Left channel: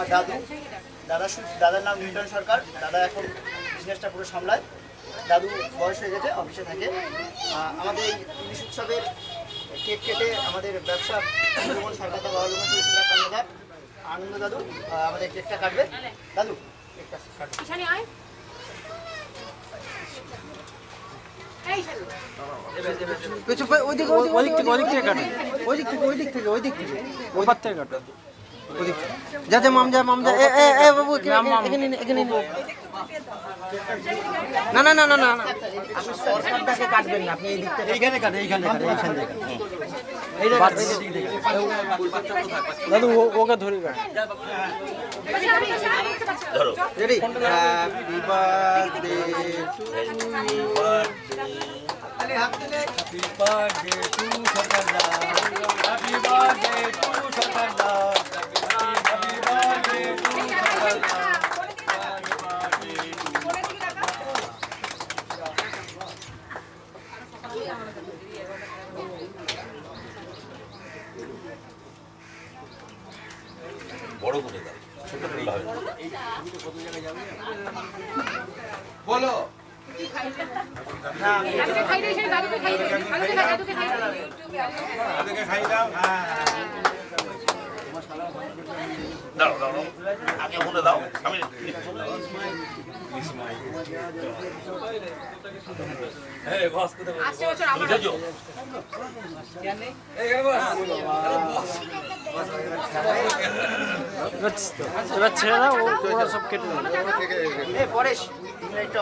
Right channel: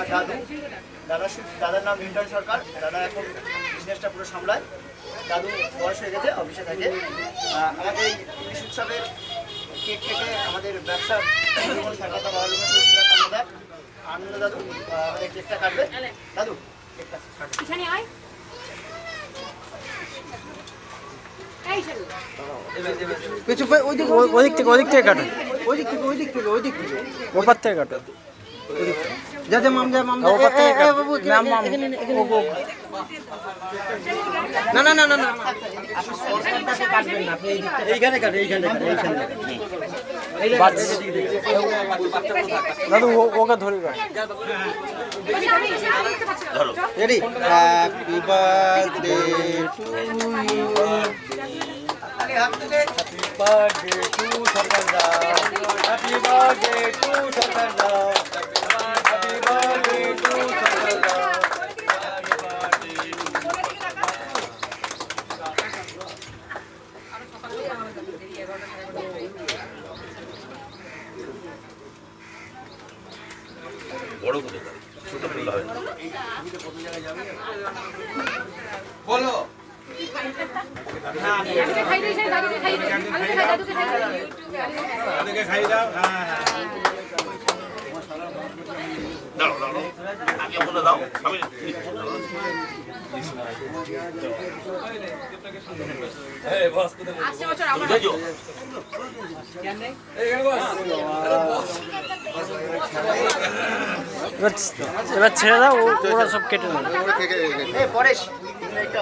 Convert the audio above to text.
আমার দাদু, দাদার নাম নিউটন সরকার। দাদা এখন বিজনেসটা পুরো সামলায়। দাদু বয়স হয়ে গেছে, অফিসে থাকে। আমাদের এই ইলিশ উৎসবের কেক কেটে আমাদের ব্যবসার সরকার আনন্দ দাদু আমাদের কেকটা কাটবে। দাদু ওদিক থেকে কাটো, ওই দিক থেকে ওপার থেকে কাটো, যাতে মামজা বাবু না না না না না এইখানে কাটে, দাদু ওকে ধরে ready. Happy birthday to you, happy birthday to Sarkar da, happy birthday to Sarkar da, happy birthday to Sarkar da. বড় করে ছোট করলে হয় বলো। দাও দাও আগে বলে দাও, আমি এবার ছেড়ে দাও, ওরা সব কেটে নেবে। পরেশ একটা